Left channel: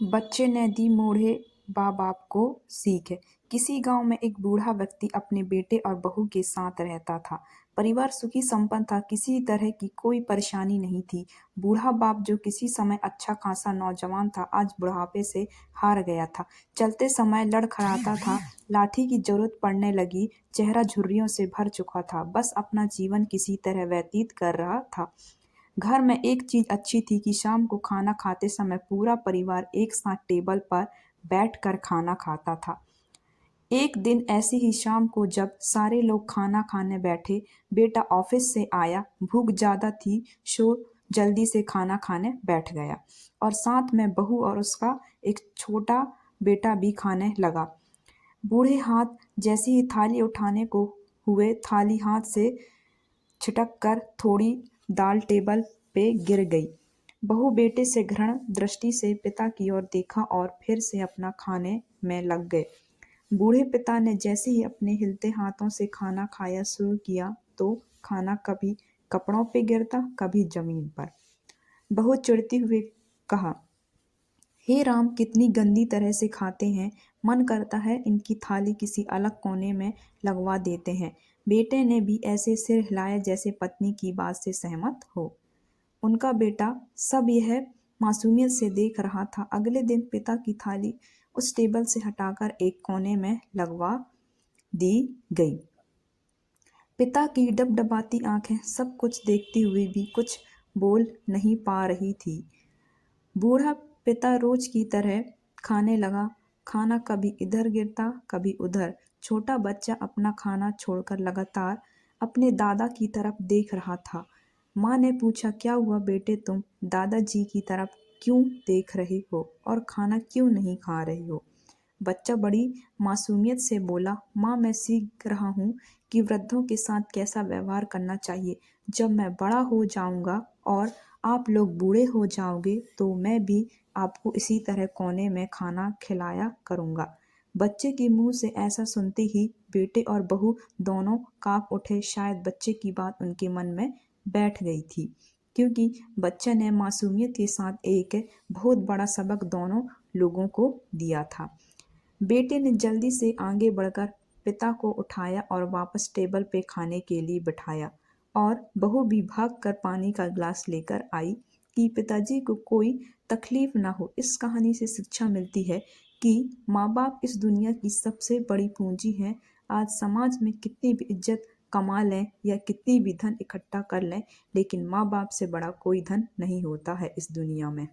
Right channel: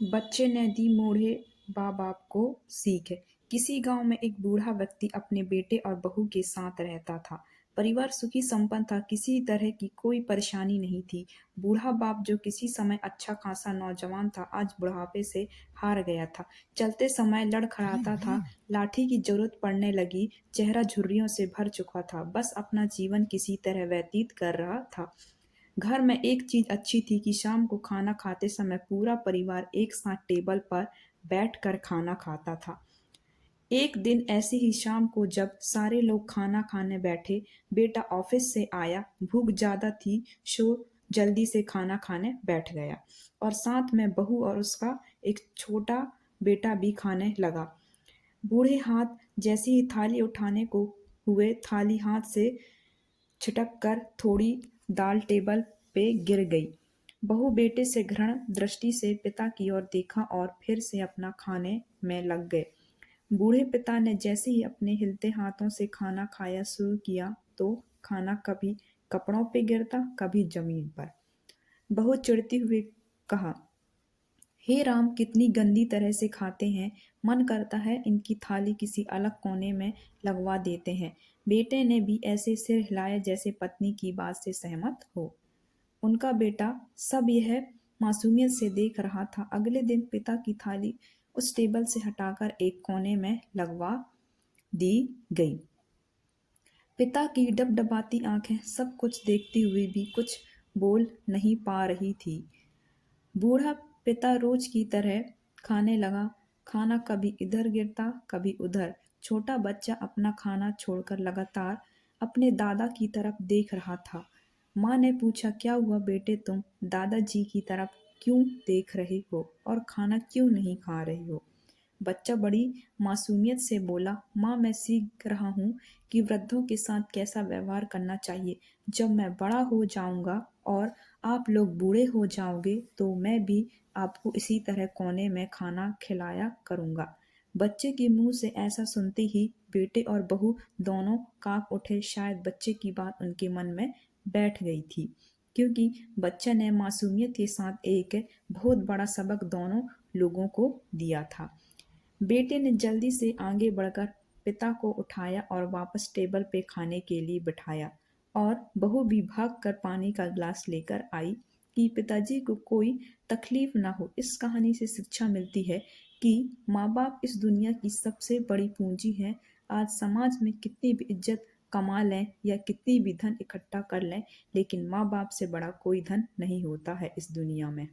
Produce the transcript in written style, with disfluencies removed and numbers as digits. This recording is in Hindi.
बच्चे ने दी मोढ़े माँ बाप को सीख। किसी गांव में एक बूढ़ा व्यक्ति अपने बेटे और बहू के साथ रहता था। परिवार सुखी संपन्न था, किसी तरह की कोई परेशानी नहीं थी। बूढ़ा बाप जो किसी समय अच्छा खासा नौजवान था, आज बुढ़ापे से हार गया था। चलते समय लड़खड़ाता था, लाठी की जरूरत पड़ने लगी, चेहरा झुर्रियों से भर चुका था, बस अपना जीवन किसी तरह व्यतीत कर रहा था। घर में एक चीज अच्छी थी कि शाम को खाना खाते समय पूरा परिवार एक साथ टेबल पर बैठकर खाना खाता था। एक दिन ऐसी ही शाम को जब सारे लोग खाना खाने बैठे, बेटा ऑफिस से आया, भूख ज्यादा थी, सो जल्दी से खाना खाने बैठ गया और साथ में बहू और उसका एक छोटा बेटा भी खाने लगा। बूढ़े हाथ जैसे ही थाली उठाने को हुए, थाली हाथ से छिटक कर थोड़ी दाल टेबल पे गिर गई। बहू बेटे से घृण दृष्टि से पिता की ओर देखा और फिर से अपना खाने में लग गए। बूढ़े पिता ने जैसे ही अपने हिलते हाथों से खाना खाया शुरू किया तो खाना कभी कपड़ों पे गिरता, कभी जमीन पर। बहू चिढ़ती हुए कहा, हे राम, कितनी गंदी तरह से खाते हैं, मन करता है इनकी थाली किसी अलग कोने में लगवा देते हैं। बेटे ने भी ऐसे सिर हिलाया जैसे पत्नी की बात से सहमत हो। उनका बेटा सब यह मासूमियत से देख रहा था। अगले दिन पिता की थाली उस टेबल से हटाकर एक कोने में लगवा दी गई। पिता की डबडबाती आंखें सब कुछ देखते हुए भी कुछ बोल नहीं पा रही थी। बूढ़ा पिता रोज की तरह खाने लगा। खाना कभी इधर गिरता, कभी उधर। छोटा बच्चा अपना खाना छोड़कर लगातार अपने दादा की तरफ देख रहा था। माँ ने पूछा, क्या हुआ बेटे, तुम दादाजी की तरफ क्यों देख रहे हो और खाना क्यों नहीं खा रहे हो? बच्चा बड़ी मासूमियत से बोला, माँ, मैं सीख रहा हूँ कि वृद्धों के साथ कैसा व्यवहार करना चाहिए। जब मैं बड़ा हो जाऊंगा और आप लोग बूढ़े हो जाओगे तो मैं भी आपको इसी तरह कोने में खाना खिलाया करूंगा। बच्चे के मुंह से ऐसा सुनते ही बेटे और बहू दोनों कांप उठे। शायद बच्चे की बात उनके मन में बैठ गई थी, क्योंकि बच्चे ने मासूमियत के साथ एक बहुत बड़ा सबक दोनों लोगों को दिया था। बेटे ने जल्दी से आगे बढ़कर पिता को उठाया और वापस टेबल पे खाने के लिए बिठाया और बहू भी भागकर पानी का गिलास लेकर आई कि पिताजी को कोई तकलीफ ना हो। इस कहानी से शिक्षा मिलती है कि माँ बाप इस दुनिया की सबसे बड़ी पूंजी है। आज समाज में कितनी भी इज्जत कमा लें या कितनी भी धन इकट्ठा कर लें, लेकिन माँ बाप से बड़ा कोई धन नहीं होता है इस दुनिया में।